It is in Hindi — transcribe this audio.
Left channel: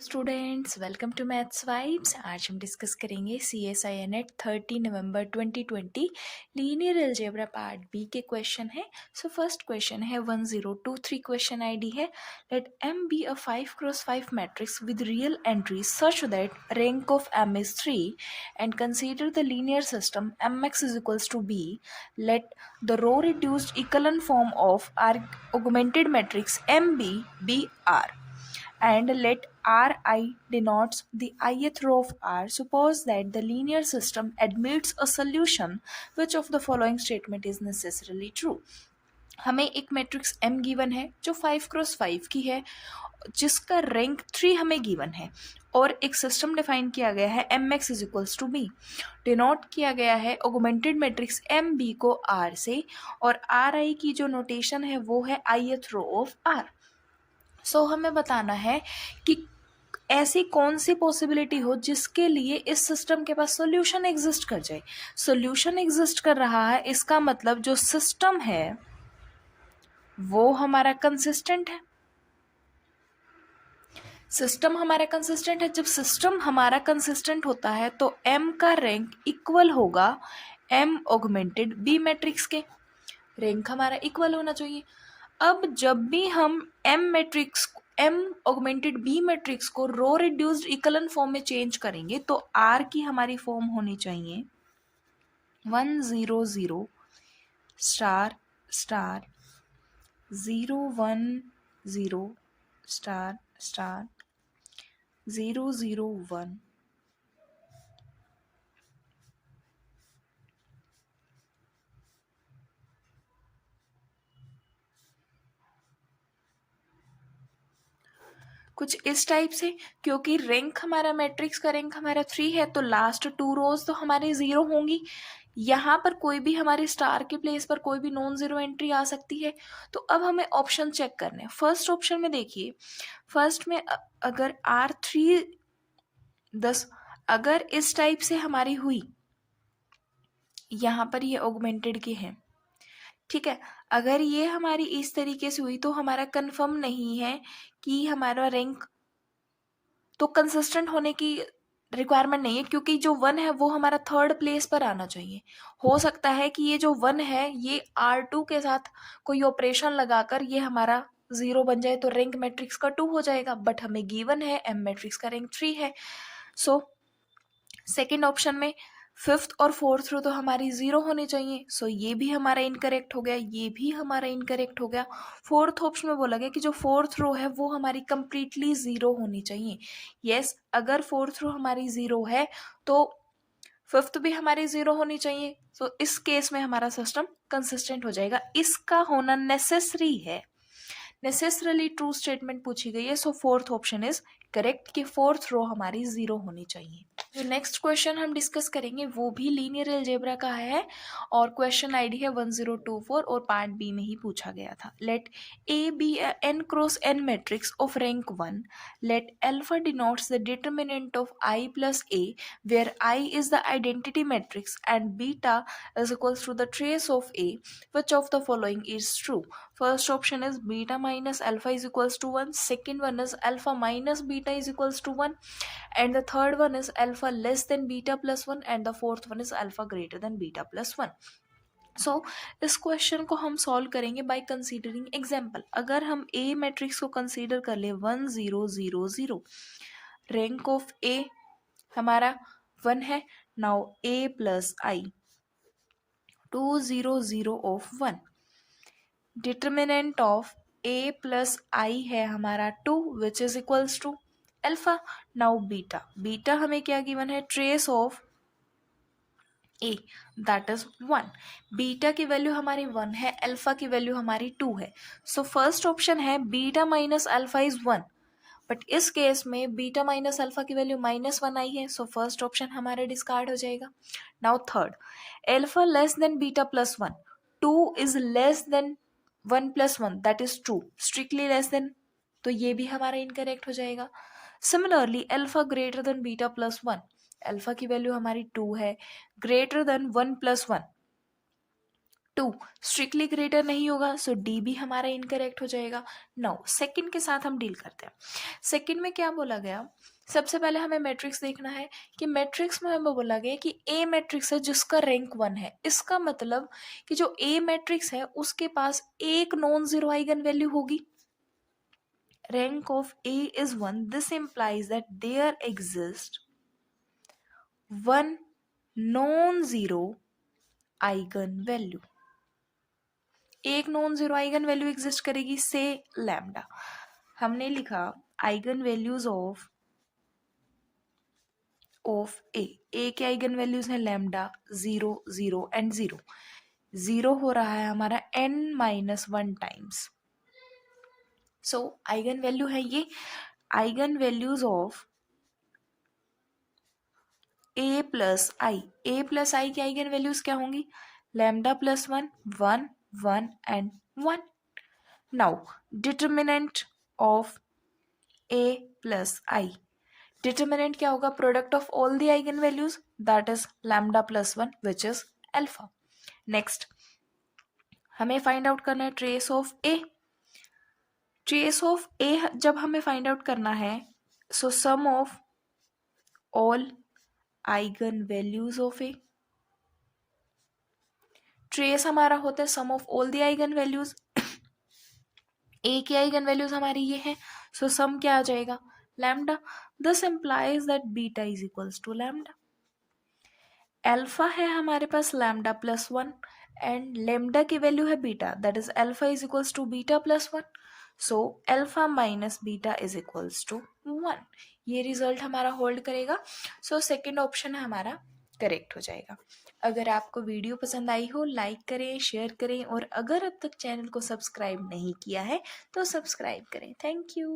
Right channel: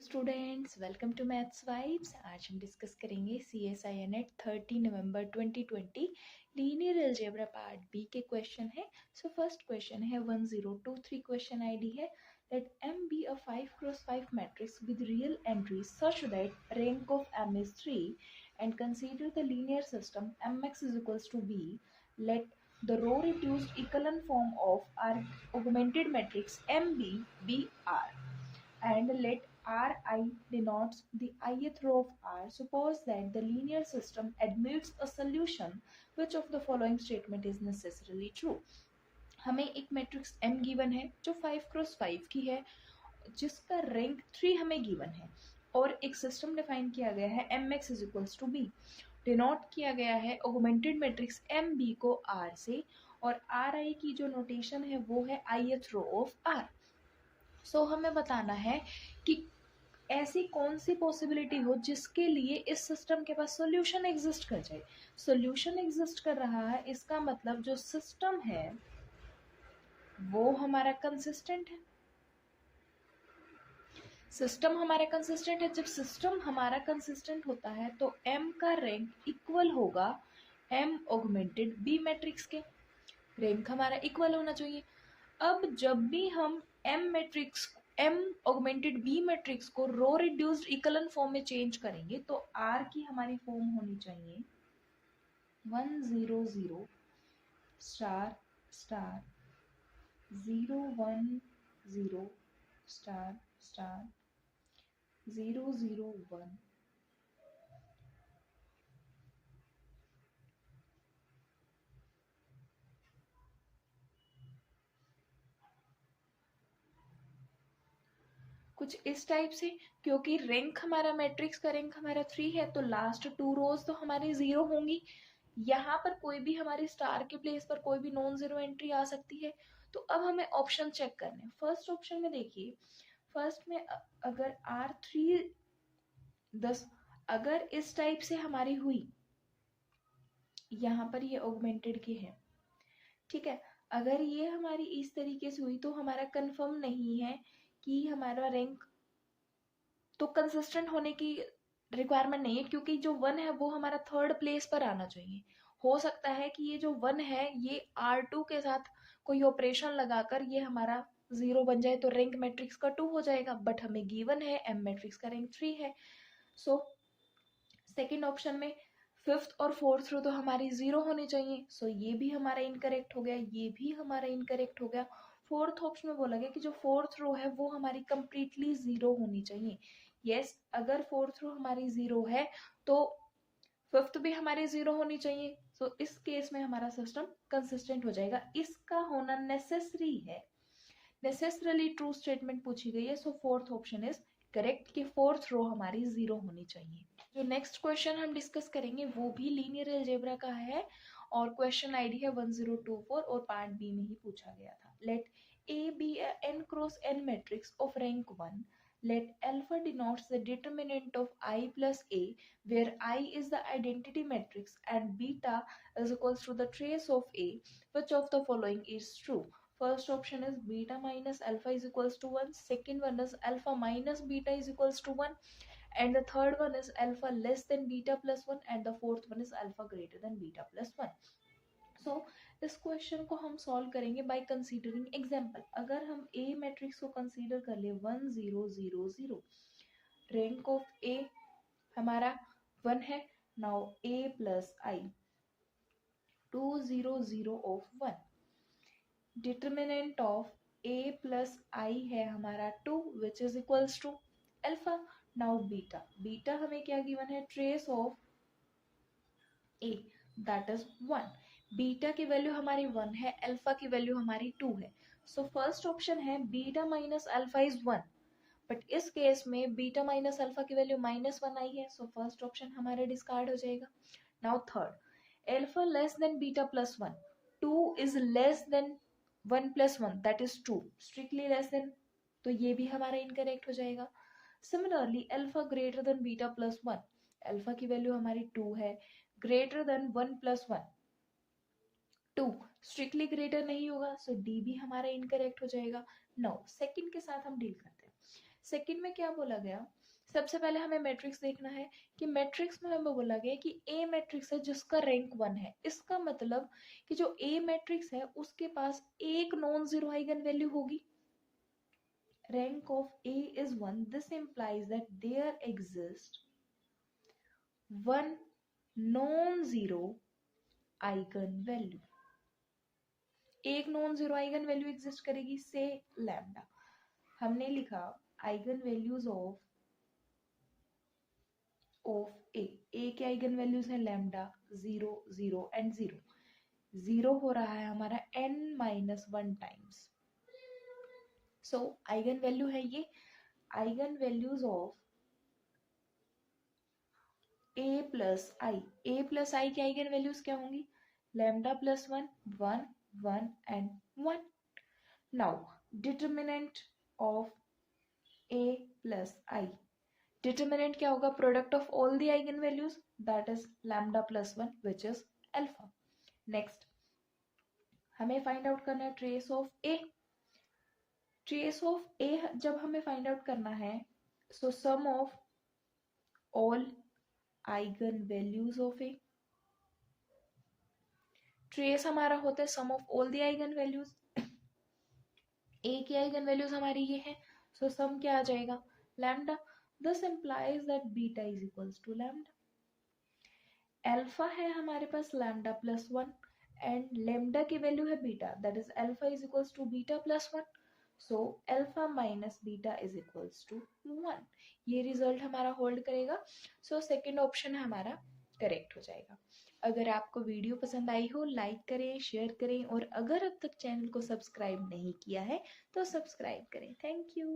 Students, welcome to maths vibes. आज हम डिस्कस करेंगे CSIR-NET 30 नवंबर 2020 लीनियर अलजेब्रा पार्ट बी के क्वेश्चन है। सो फर्स्ट क्वेश्चन है 1023 क्वेश्चन आईडी है, let M be a 5x5 matrix with real entries such that rank of M is 3 and consider the linear system Mx is equals to B. Let the row reduced echelon form of our augmented matrix MB be R, and let Ri denotes the ith row of R. Suppose that the linear system admits a solution. Which of the following statement is necessarily true? हमें एक मैट्रिक्स M गिवन है जो 5x5 की है, जिसका रैंक 3 हमें गिवन है, और एक सिस्टम डिफाइन किया गया है Mx is equals to B. Denote किया गया है ऑगमेंटेड मैट्रिक्स MB को R से, और Ri की जो नोटेशन है वो है ith रो ऑफ R। सो हमें बताना है कि ऐसी कौन सी पॉसिबिलिटी हो जिसके लिए इस सिस्टम के पास सॉल्यूशन एग्जिस्ट कर जाए। सॉल्यूशन एग्जिस्ट कर रहा है, इसका मतलब जो सिस्टम है वो हमारा कंसिस्टेंट है। सिस्टम हमारा कंसिस्टेंट है। जब सिस्टम हमारा कंसिस्टेंट होता है तो M का रैंक इक्वल होगा M ऑगमेंटेड B मैट्रिक्स के। रैंक हमारा इक्वल होना चाहिए। अब जब भी हम M ऑगमेंटेड B मैट्रिक्स को रो रिड्यूस्ड इक्वलन फॉर्म में चेंज करेंगे तो R की हमारी फॉर्म होनी चाहिए 1 0 0 स्टार स्टार 0 1 0 स्टार स्टार 0 0 1। कुछ इस टाइप से, क्योंकि रैंक हमारा मैट्रिक्स का रैंक हमारा 3 है तो लास्ट 2 रोज तो हमारे 0 होंगी। यहाँ पर कोई भी हमारे स्टार के प्लेस पर कोई भी नॉन जीरो एंट्री आ सकती है। तो अब हमें ऑप्शन चेक करने हैं। फर्स्ट ऑप्शन में देखिए, फर्स्ट में अगर R3 10 अगर इस टाइप से हमारी हुई, यहाँ पर ये ऑगमेंटेड के हैं, ठीक है। अगर ये हमारी इस तरीके से हुई तो हमारा कंफर्म नहीं है कि हमारा रैंक तो कंसिस्टेंट होने की रिक्वायरमेंट नहीं है, क्योंकि जो 1 है वो हमारा थर्ड प्लेस पर आना चाहिए। हो सकता है कि ये जो 1 है ये R2 के साथ कोई ऑपरेशन लगाकर ये हमारा 0 बन जाए तो रैंक मैट्रिक्स का 2 हो जाएगा, बट हमें गिवन है M मैट्रिक्स का रैंक 3 है। सो सेकेंड ऑप्शन में फिफ्थ और फोर्थ रो तो हमारी 0 होनी चाहिए। सो ये भी हमारा इनकरेक्ट हो गया, ये भी हमारा इनकरेक्ट हो गया। फोर्थ ऑप्शन में बोला गया कि जो फोर्थ रो है वो हमारी कंप्लीटली 0 होनी चाहिए। यस, अगर फोर्थ रो हमारी 0 है तो फिफ्थ भी हमारी 0 होनी चाहिए। सो इस केस में हमारा सिस्टम कंसिस्टेंट हो जाएगा। इसका होना नेसेसरी है, नेसेसरली ट्रू स्टेटमेंट पूछी गई है। सो फोर्थ ऑप्शन इज करेक्ट कि फोर्थ रो हमारी 0 होनी चाहिए। जो नेक्स्ट क्वेश्चन हम डिस्कस करेंगे वो भी लीनियर अलजेब्रा का है, और क्वेश्चन आईडी है 1024 और पार्ट बी में ही पूछा गया था। Let A B n cross n matrix of rank 1। लेट alpha denotes the determinant of I plus a where I is the identity matrix and beta is equals to the trace of a. Which of the following is true? First option is beta minus alpha is equals to 1. Second one is alpha minus beta is equals to 1. And the third one is alpha less than beta plus 1. And the fourth one is alpha greater than beta plus 1. सो इस क्वेश्चन को हम सॉल्व करेंगे बाय कंसीडरिंग एग्जाम्पल। अगर हम ए मैट्रिक्स को कंसीडर कर ले 1 0 0 0, रैंक ऑफ ए हमारा 1 है। Now A plus I 2 0 0 of 1, determinant of A plus I है हमारा 2 which is equals to alpha. Now beta, beta हमें क्या गिवन है? Trace of A that is 1। Beta की वैल्यू हमारी 1 है, अल्फा की वैल्यू हमारी 2 है। सो फर्स्ट ऑप्शन है beta minus alpha is 1, but इस केस में बीटा माइनस अल्फा की वैल्यू -1 आई है। सो फर्स्ट ऑप्शन हमारे डिस्कार्ड हो जाएगा। Now third, alpha less than beta plus 1, 2 is less than 1 plus 1 that is true, strictly less than, तो ये भी हमारा इनकरेक्ट हो जाएगा। Similarly alpha greater than beta plus 1, alpha की वैल्यू हमारी 2 है, greater than 1 plus 1, 2 strictly greater नहीं होगा, सो डी भी हमारा इनकरेक्ट हो जाएगा। नाउ सेकंड के साथ हम डील करते हैं। सेकंड में क्या बोला गया, सबसे पहले हमें मैट्रिक्स देखना है कि मैट्रिक्स में हमें बोला गया कि ए मैट्रिक्स है जिसका रैंक 1 है। इसका मतलब कि जो ए मैट्रिक्स है उसके पास एक नॉन जीरो आइगन वैल्यू होगी। Rank of A is 1, this implies that there exists one non zero eigen value. एक non zero eigen value exist करेगी, से लैम्डा। हमने लिखा आइगन वैल्यूज ऑफ ए के आइगन वैल्यूज हैं लैम्डा 0 0 एंड 0। 0 हो रहा है हमारा n-1 टाइम्स। सो आइगन वैल्यू है ये। Eigen values of A plus I की आइगन वैल्यूज क्या होंगी, lambda plus 1 1 1 and 1। Now determinant of A plus I, determinant क्या होगा, product of all the eigen values, that is lambda plus 1 which is alpha. Next हमें फाइंड आउट करना है trace of A. Trace of A जब हमें फाइंड आउट करना है, so sum of all eigen values of A. Trace हमारा होता है sum of all the eigen values. A की आइगन वैल्यूज हमारी ये है, सो सम क्या आ जाएगा, lambda. This implies that beta is equals to lambda. Alpha है हमारे पास लैम्डा प्लस 1 एंड लैम्डा की वैल्यू है beta, that is alpha is equals to beta plus 1। So alpha minus beta is equals to 1। ये रिजल्ट हमारा होल्ड करेगा। सो सेकेंड ऑप्शन हमारा करेक्ट हो जाएगा। अगर आपको वीडियो पसंद आई हो लाइक करें, शेयर करें और अगर अब तक चैनल को सब्सक्राइब नहीं किया है तो सब्सक्राइब करें। Thank you.